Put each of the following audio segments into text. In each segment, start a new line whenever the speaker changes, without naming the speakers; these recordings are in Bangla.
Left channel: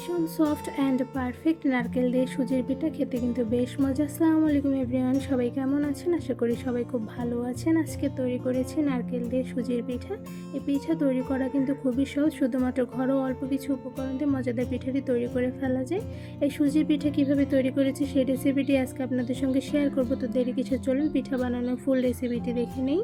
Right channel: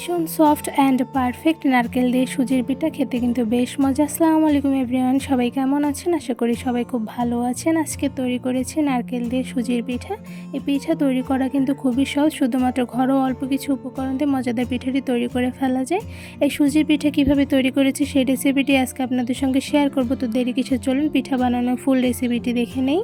ভীষণ সফট অ্যান্ড পারফেক্ট নারকেল দিয়ে সুজির পিঠা খেতে কিন্তু বেশ মজা। আসসালামু আলাইকুম এভরিওয়ান সবাই কেমন আছেন? আশা করি সবাই খুব ভালো আছেন। আজকে তৈরি করেছি নারকেল দিয়ে সুজির পিঠা। এই পিঠা তৈরি করা কিন্তু খুবই সহজ, শুধুমাত্র ঘরোয়া অল্প কিছু উপকরণ দিয়ে মজাদার পিঠাটি তৈরি করে ফেলা যায়। এই সুজির পিঠা কীভাবে তৈরি করেছি সেই রেসিপিটি আজকে আপনাদের সঙ্গে শেয়ার করব। তো দেরি কিছু চলুন পিঠা বানানোর ফুল রেসিপিটি দেখে নেই।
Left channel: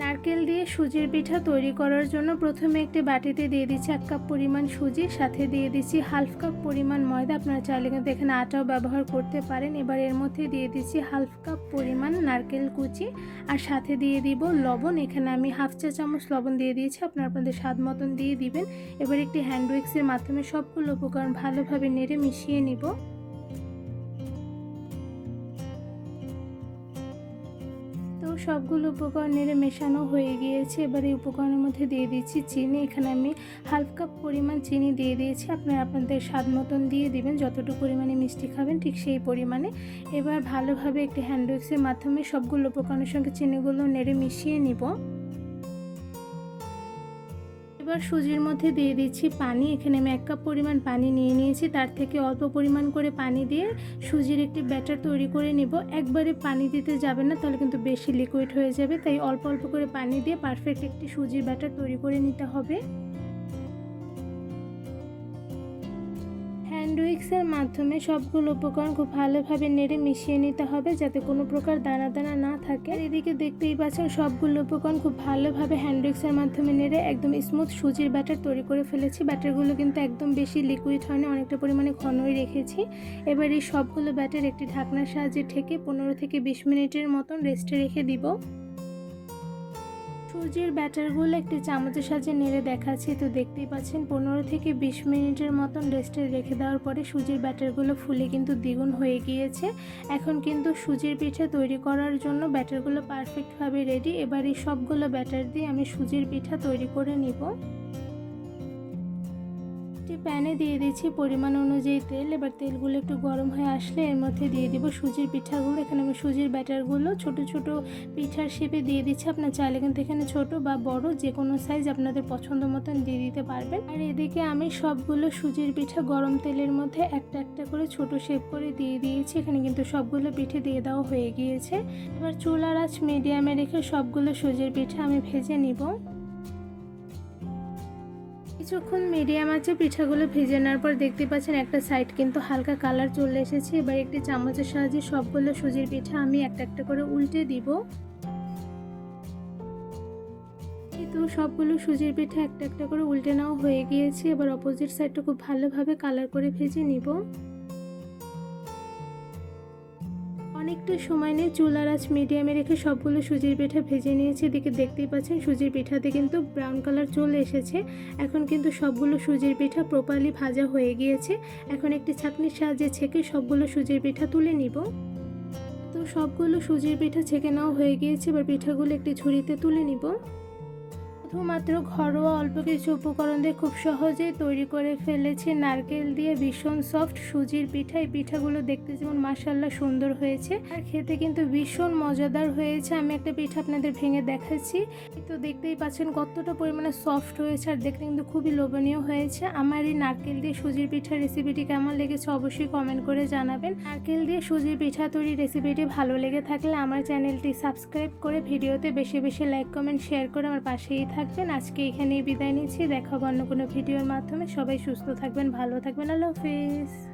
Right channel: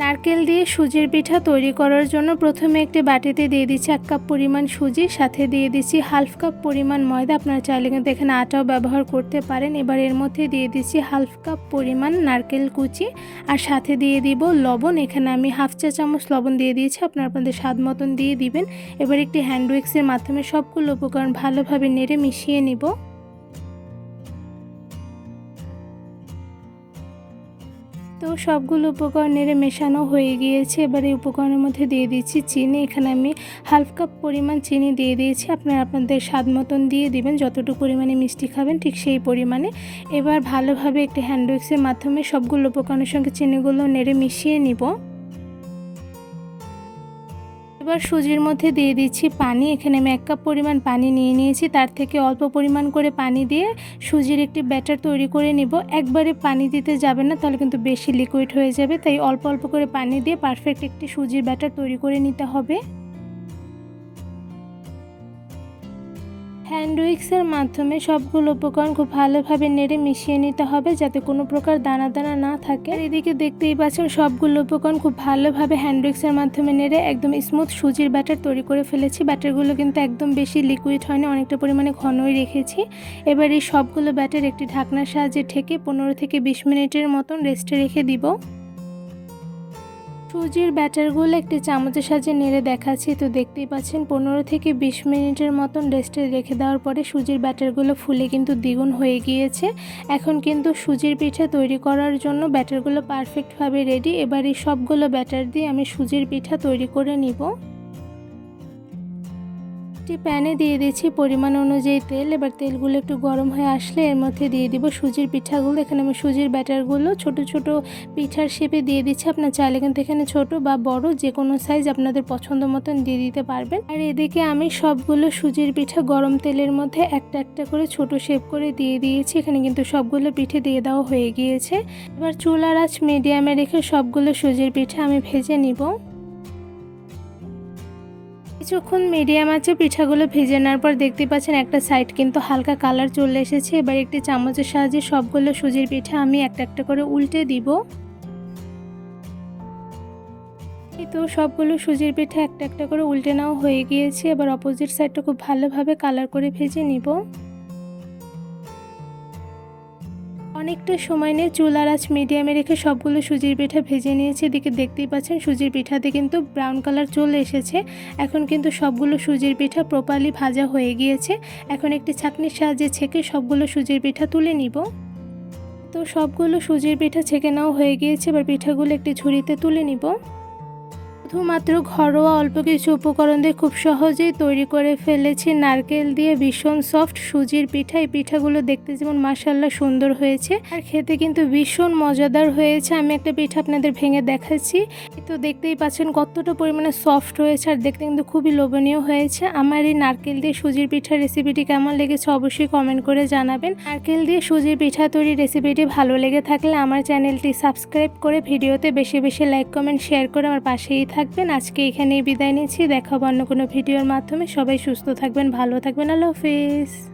নারকেল দিয়ে সুজির পিঠা তৈরি করার জন্য প্রথমে একটি বাটিতে দিয়ে দিচ্ছি এক কাপ পরিমাণ সুজি, সাথে দিয়ে দিচ্ছি হাফ কাপ পরিমাণ ময়দা। আপনারা চাইলে কিন্তু এখানে আটাও ব্যবহার করতে পারেন। এবার এর মধ্যে দিয়ে দিচ্ছি হাফ কাপ পরিমাণ নারকেল কুচি, আর সাথে দিয়ে দিব লবণ। এখানে আমি হাফ চা চামচ লবণ দিয়ে দিয়েছি, আপনারা আপনাদের স্বাদ মতন দিয়ে দিবেন। এবার একটি হ্যান্ড উইক্সের মাধ্যমে সবগুলো উপকরণ ভালোভাবে নেড়ে মিশিয়ে নিব। সবগুলো উপকরণ নেড়ে মেশানো হয়ে গিয়েছে। এবার এই উপকরণের মধ্যে দিয়ে দিচ্ছি চিনি। এখানে আমি হাফ কাপ পরিমাণ চিনি দিয়ে দিয়েছি। আপনারা আপনাদের স্বাদ মতন দিয়ে দিবেন। যতটুকু পরিমাণে মিষ্টি খাবেন, ঠিক সেই পরিমাণে। এবার ভালোভাবে একটি হ্যান্ড উইক্সের মাধ্যমে সবগুলো উপকরণের সঙ্গে চিনিগুলো নেড়ে মিশিয়ে নিব। এবার সুজির মধ্যে দিয়ে দিচ্ছি পানি। এখানে আমি এক কাপ পরিমাণ পানি নিয়ে নিয়েছি। তার থেকে অল্প পরিমাণ করে পানি দিয়ে সুজির একটি ব্যাটার তৈরি করে নিব। একবারে পানি দিতে যাবে না, তাহলে কিন্তু বেশি লিকুইড হয়ে যাবে। তাই অল্প অল্প করে পানি দিয়ে পারফেক্ট একটি সুজির ব্যাটার তৈরি করে নিতে হবে। হ্যান্ড উইক্সের মাধ্যমে সবগুলো উপকরণ খুব ভালোভাবে নেড়ে মিশিয়ে নিতে হবে যাতে কোনো প্রকার দানা দানা না থাকে। এদিকে দেখতেই পাচ্ছেন সবগুলো উপকরণ খুব ভালোভাবে হ্যান্ড উইক্সের মাধ্যমে নেড়ে একদম স্মুথ সুজির ব্যাটার তৈরি করে ফেলেছি। ব্যাটারগুলো কিন্তু একদম বেশি লিকুইড হয়নি, অনেকটা পরিমাণে ঘনই রেখেছি। এবার এই সবগুলো ব্যাটার একটি ঢাকনার সাহায্যে ঢেকে পনেরো থেকে বিশ মিনিটের মতন রেস্টে রেখে দিব। সুজির ব্যাটারগুলো একটি চামচের সাহায্যে নেড়ে দেখাচ্ছি। তো দেখতেই পাচ্ছেন, পনেরো থেকে বিশ মিনিটের মতন রেস্টে রেখে দেওয়ার পরে সুজির ব্যাটারগুলো ফুলে কিন্তু দ্বিগুণ হয়ে গিয়েছে। এখন কিন্তু সুজির পিঠা তৈরি করার জন্য ব্যাটারগুলো পারফেক্টভাবে রেডি এবার এই সবগুলো ব্যাটার দিয়ে আমি সুজির পিঠা তৈরি করে নিব। একটি প্যানে দিয়ে দিচ্ছি পরিমাণ অনুযায়ী তেল। এবার তেলগুলো একটু গরম হয়ে আসলে এর মধ্যে দিয়ে দিব সুজির পিঠাগুলো। এখানে আমি সুজির ব্যাটারগুলো ছোট ছোট পিঠার শেপে দিয়ে দিচ্ছি। আপনার চাইলে কিন্তু এখানে ছোট বা বড় যে কোনো সাইজ আপনাদের পছন্দ মতন দিয়ে দিতে পারবেন। আর এদিকে আমি সবগুলো সুজির পিঠা গরম তেলের মধ্যে একটা একটা করে ছোট শেপ করে দিয়ে দিয়েছি। এখানে কিন্তু সবগুলো পিঠে দিয়ে দেওয়া হয়ে গিয়েছে। এবার চুলার আঁচ মিডিয়ামে রেখে সবগুলো সুজির পিঠা আমি ভেজে নিব। কিছুক্ষণ মিডিয়াম আছে, পিঠাগুলো ভেজে নেওয়ার পর দেখতে পাচ্ছেন একটা সাইড কিন্তু হালকা কালার চলে এসেছে। এবার একটি চামচের সাহায্যে সবগুলো সুজির পিঠা আমি একটা একটা করে উল্টে দিব। তো সবগুলো সুজির পিঠা একটা একটা করে উল্টে নেওয়া হয়ে গিয়েছে। এবার অপোজিট সাইডটা খুব ভালোভাবে কালার করে ভেজে নিব। অনেকটা সময় নিয়ে চুল আর আজ মিডিয়ামে রেখে সবগুলো সুজির পিঠা ভেজে নিয়েছি। এদিকে দেখতেই পাচ্ছেন, সুজির পিঠাতে কিন্তু ব্রাউন কালার চলে এসেছে। এখন কিন্তু সবগুলো সুজির পিঠা প্রপারলি ভাজা হয়ে গিয়েছে। এখন একটি ছাঁকনির সাহায্যে ছেঁকে সবগুলো সুজির পিঠা তুলে নিব। তো সবগুলো সুজির পিঠা ছেঁকে নেওয়া হয়ে গিয়েছে, এবার পিঠাগুলো একটি ঝুড়িতে তুলে নিব। শুধুমাত্র ঘরোয়া অল্প কিছু উপকরণ দিয়ে খুব সহজেই তৈরি করে ফেলেছি। নারকেল দিয়ে ভীষণ সফট সুজির পিঠা। এই পিঠাগুলো দেখতে যেমন মাসাল্লা সুন্দর হয়েছে। আর খেতে কিন্তু ভীষণ মজাদার হয়েছে। আমি একটা পিঠা আপনাদের ভেঙে দেখাচ্ছি। তো দেখতেই পাচ্ছেন কতটা পরিমাণে সফট হয়েছে আর দেখতে কিন্তু খুবই লোভনীয় হয়েছে। আমার এই নারকেল দিয়ে সুজির পিঠার রেসিপিটি কেমন লেগেছে অবশ্যই কমেন্ট করে জানাবেন। নারকেল দিয়ে সুজির পিঠা তৈরি রেসিপিটি ভালো লেগে থাকলে আমার চ্যানেলটি সাবস্ক্রাইব করে ভিডিওতে বেশি বেশি লাইক কমেন্ট শেয়ার করে আমার পাশেই থাকবেন। আজকে এখানেই বিদায় নিচ্ছি। দেখাবো অন্য কোনো ভিডিওর মাধ্যমে। সবাই সুস্থ থাকবেন, ভালো থাকবেন। আল্লাহ হাফিজ।